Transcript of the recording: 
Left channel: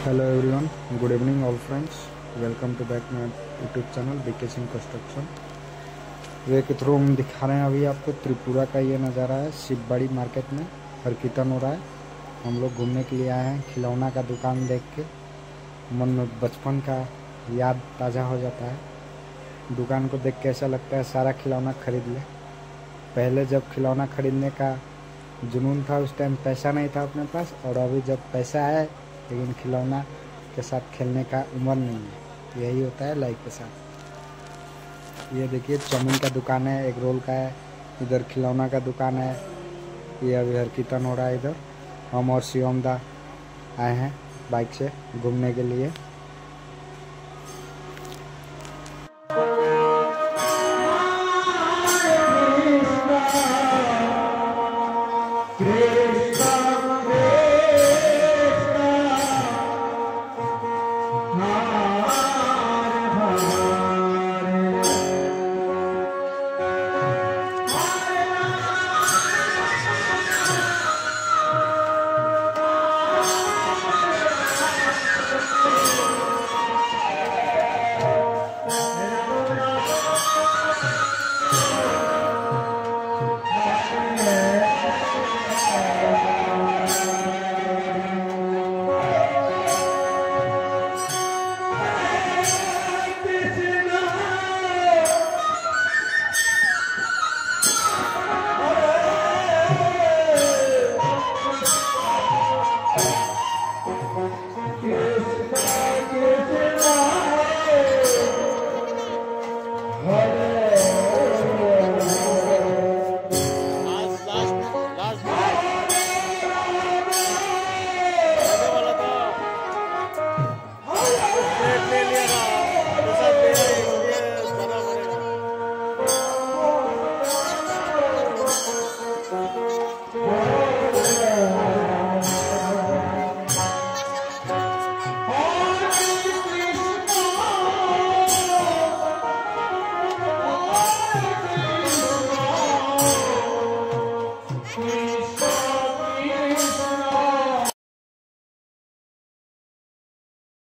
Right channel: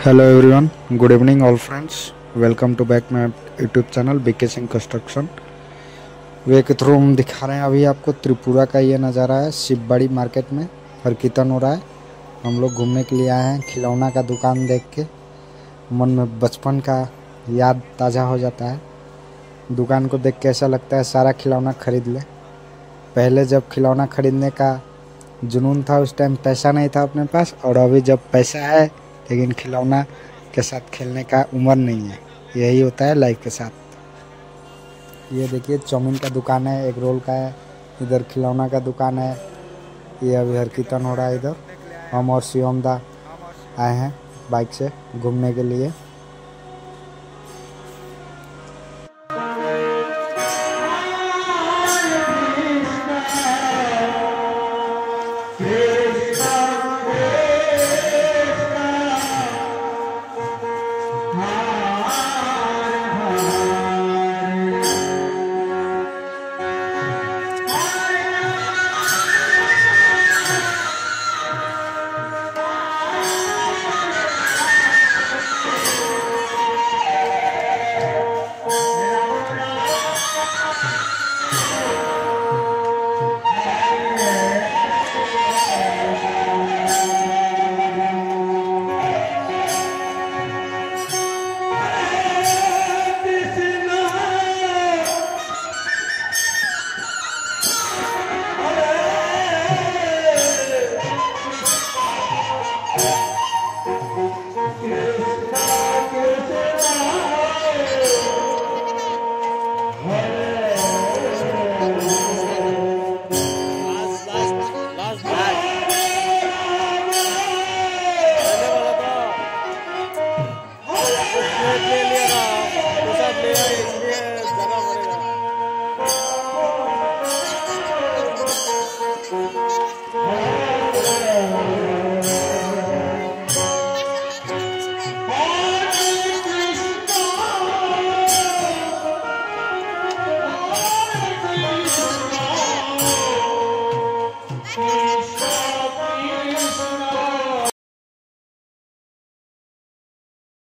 Hello everyone, good evening all friends. Welcome to back my YouTube channel BK Singh construction. वे के through हम दिखा रहे हैं अभी आपको त्रिपुरा का ये नज़ारा है। शिवबाड़ी मार्केट में हर कीर्तन हो रहा है। हम लोग घूमने के लिए आए हैं। खिलौना का दुकान देख के मन में बचपन का याद ताज़ा हो जाता है। दुकान को देख के ऐसा लगता है सारा खिलौना खरीद ले। पहले जब खिलौना खरीदने का जुनून था उस टाइम पैसा नहीं था अपने पास, और अभी जब पैसा है लेकिन खिलौना के साथ खेलने का उम्र नहीं है। यही होता है लाइफ के साथ। ये देखिए चाउमीन का दुकान है, एग रोल का है, इधर खिलौना का दुकान है। ये अभी हर कीर्तन हो रहा है। इधर हम और शिवम दा आए हैं बाइक से घूमने के लिए।